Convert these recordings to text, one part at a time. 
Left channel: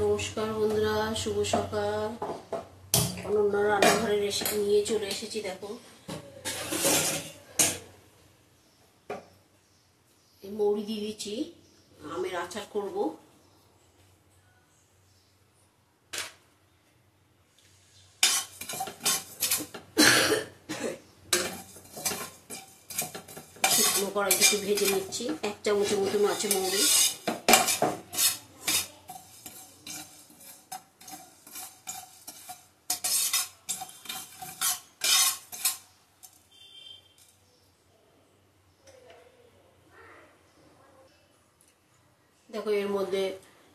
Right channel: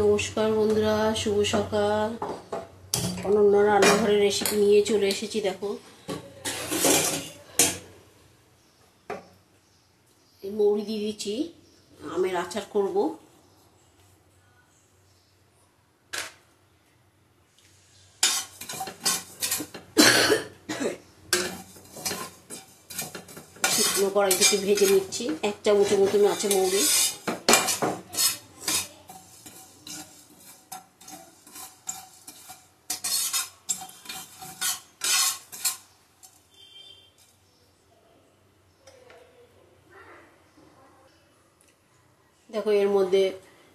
নমস্কার বন্ধুরা, শুভ সকাল। অনন্য রান্নাঘরের রেসিপি নিয়ে চলে এসেছি। দেখো, এই মৌরি দিয়ে দিচ্ছি, আমের আচার করব। শুকনো কড়াই থেকে ভেজে নিচ্ছি। 1 চামচের মতন আছে মৌরি। দেখো, এর মধ্যে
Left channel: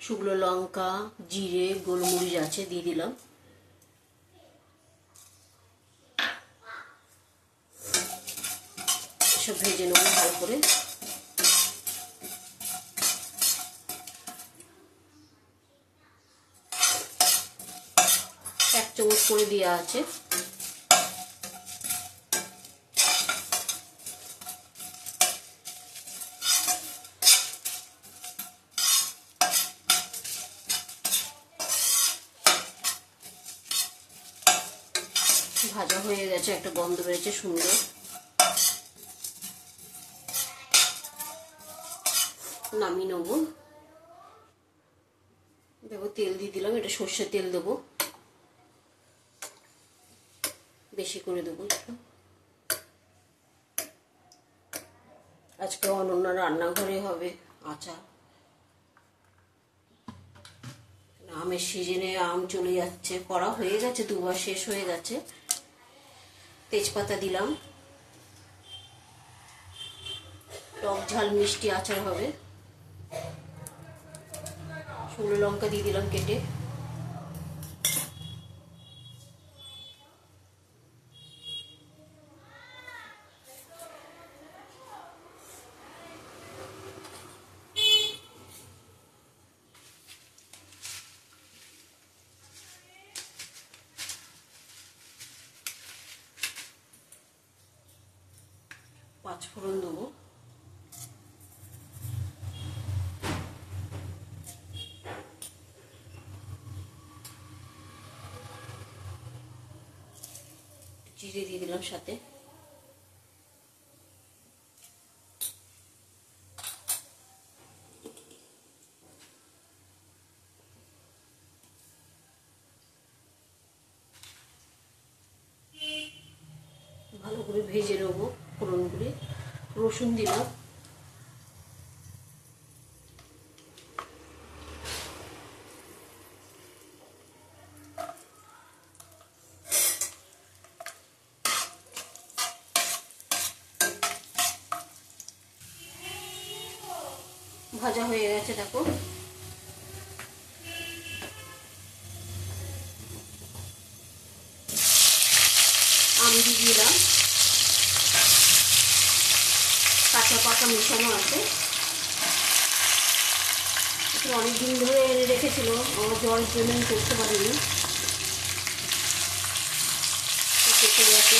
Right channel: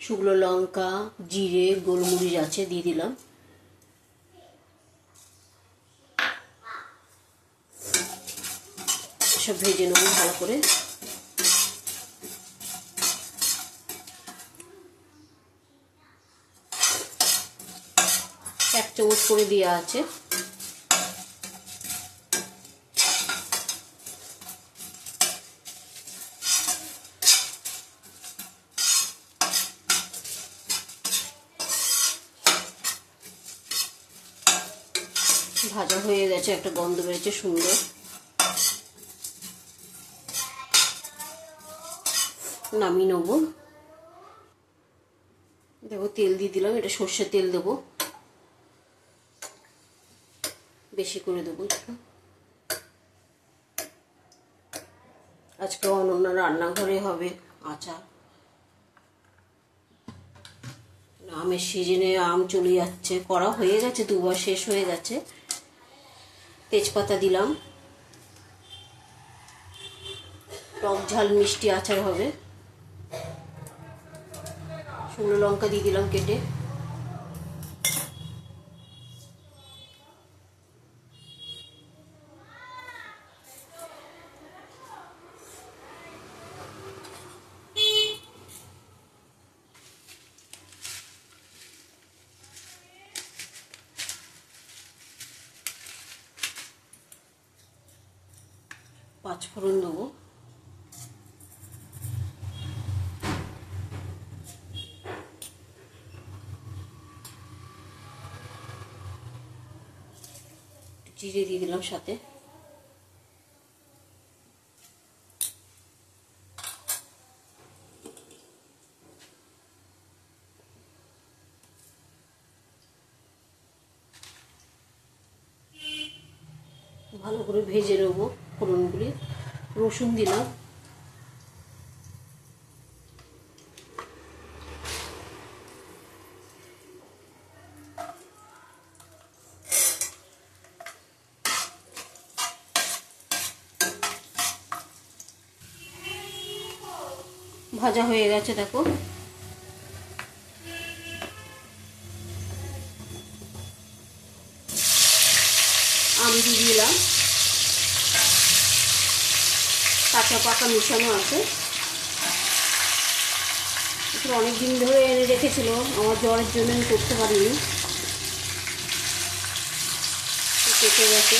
শুকনো লঙ্কা, জিরে, গোলমরিচ আছে, দিয়ে দিলাম। সব ভেজে নেব ভালো করে। এক চামচ করে দেওয়া আছে। ভাজা হয়ে গেছে, একটা গন্ধ বেরোচ্ছে সুন্দর। নামিয়ে নেবো। দেখো, তেল দিয়ে দিলাম। এটা সর্ষের তেল দেবো, বেশি করে দেবো একটু। আজকে অনন্য রান্নাঘরে হবে আচার। আমের সিজনে আম চলে যাচ্ছে, করা হয়ে গেছে, 2 বার শেষ হয়ে গেছে। তেজপাতা দিলাম। টক ঝাল মিষ্টি আচার হবে। শুকনো লঙ্কা দিয়ে দিলাম কেটে। পাঁচফোড়ন দেবো। জিরে দিয়ে দিলাম সাথে। ভালো করে ভেজে নেবো ফোড়নগুলি। রসুন দিলাম। ভাজা হয়ে গেছে, দেখো। আম দিয়ে দিলাম। কাঁচা পাকা মিশানো আছে। এটা অনেকদিন ধরে এনে রেখেছিল, আমার জ্বরের জন্য আমি করতে পারিনি, কেটে গেছে।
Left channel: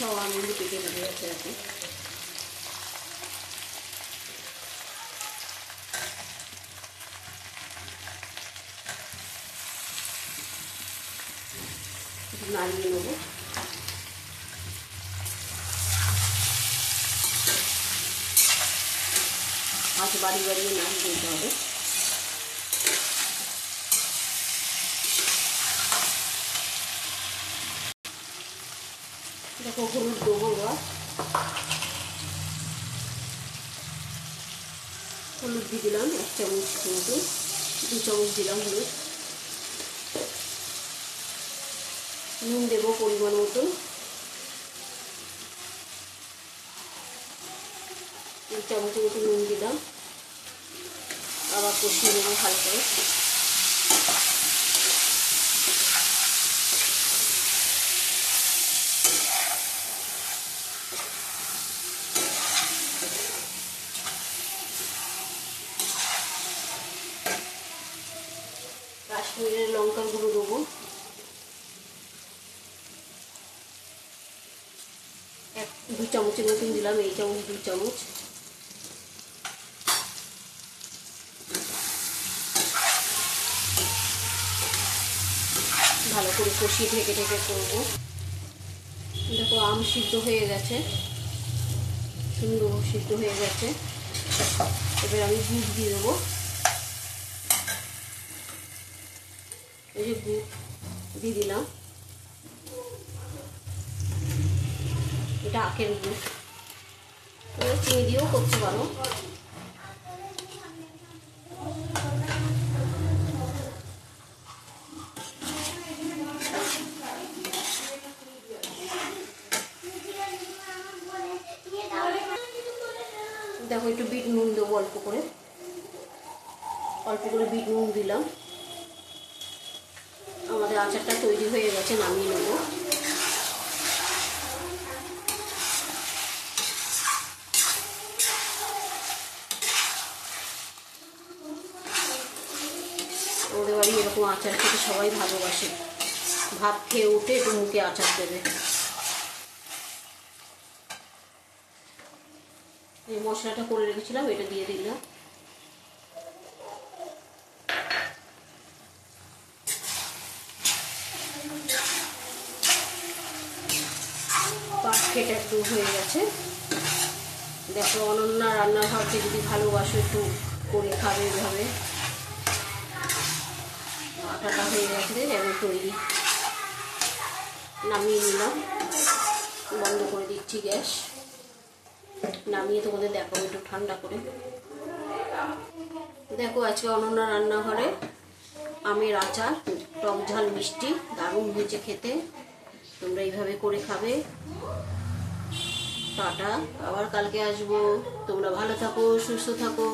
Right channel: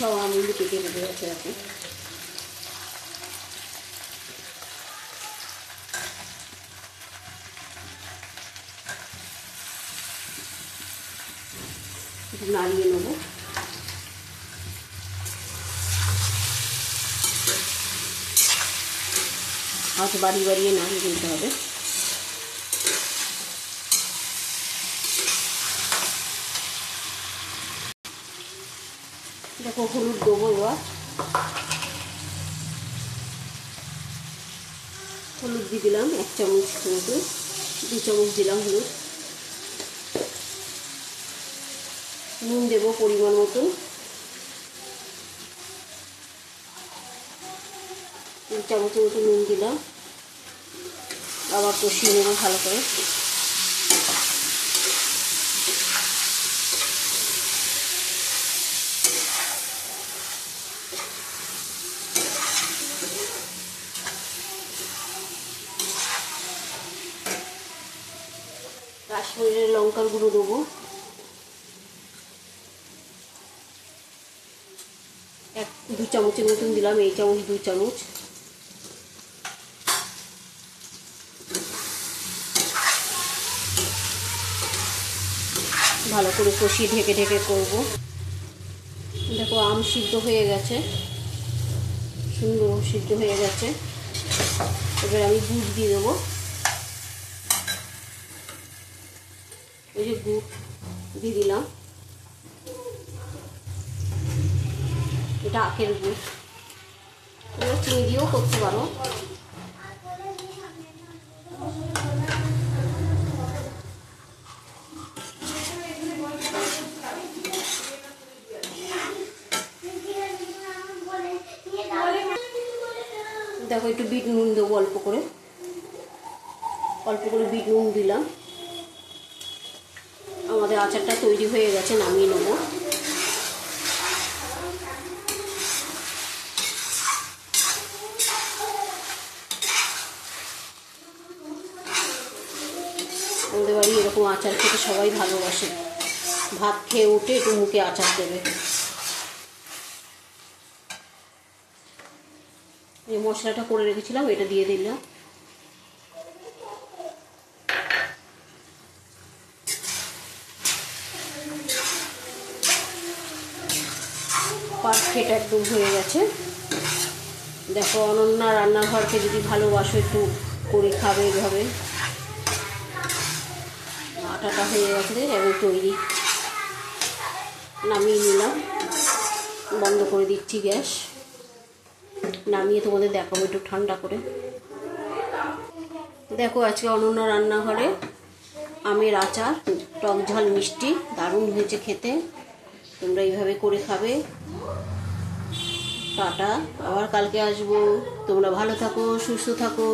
সব আমগুলো কেটে রেখে গেছে আর কি। নাড়িয়ে নেব। আঁচ বাড়িয়ে নাড়িয়ে দিতে হবে। দেখো, হলুদ দেবো এবার। হলুদ দিয়ে দিলাম 1 চামচ মতো। 2 চামচ দিলাম হলুদ। নুন দেবো পরিমাণ মতো। 3 চামচের মতো নুন দিলাম। আবার কষিয়ে নেবো ভালো করে। লঙ্কার গুঁড়ো দেবো, 2 চামচের মতন দিলাম, এই চামচ 2 চামচ। ভালো করে কষিয়ে ঢেকে ঢেকে করবো। দেখো আম সিদ্ধ হয়ে গেছে, সুন্দর সিদ্ধ হয়ে গেছে। এবার আমি গুড় দিয়ে দেবো, এই যে গুড় দিয়ে দিলাম, এটা আখের গুড়, তোমরা চিনি দিয়েও করতে পারো। দেখো একটু বিট নুন দেবো, অল্প করে বিট নুন দিলাম। আমাদের আচারটা তৈরি হয়ে গেছে, নামিয়ে নেবো। আমাদের বাড়ি এরকম আচার খেতে সবাই ভালোবাসে, ভাত খেয়ে উঠে একটু মুখে আচার দেবে। এই মশলাটা করে রেখেছিলাম, এটা দিয়ে দিলাম। পারফেক্ট একদম হয়ে গেছে। দেখো অনন্যা রান্নাঘরকে যদি ভালোবাসো একটু করে খাবে এভাবে। আটাটা হয়ে গেছে এবং তৈরি। নামিয়ে নিলাম, বন্ধ করে দিচ্ছি গ্যাস। নামিয়ে তোমাদের দেখাবো একটু ঠান্ডা করে। দেখো আজকে অনন্যা রান্নাঘরে আমের আচার, টক ঝাল মিষ্টি, দারুণ হয়েছে খেতে। তোমরা এইভাবে করে খাবে। টাটা, আবার কালকে আসবো। তোমরা ভালো থাকো, সুস্থ থাকো।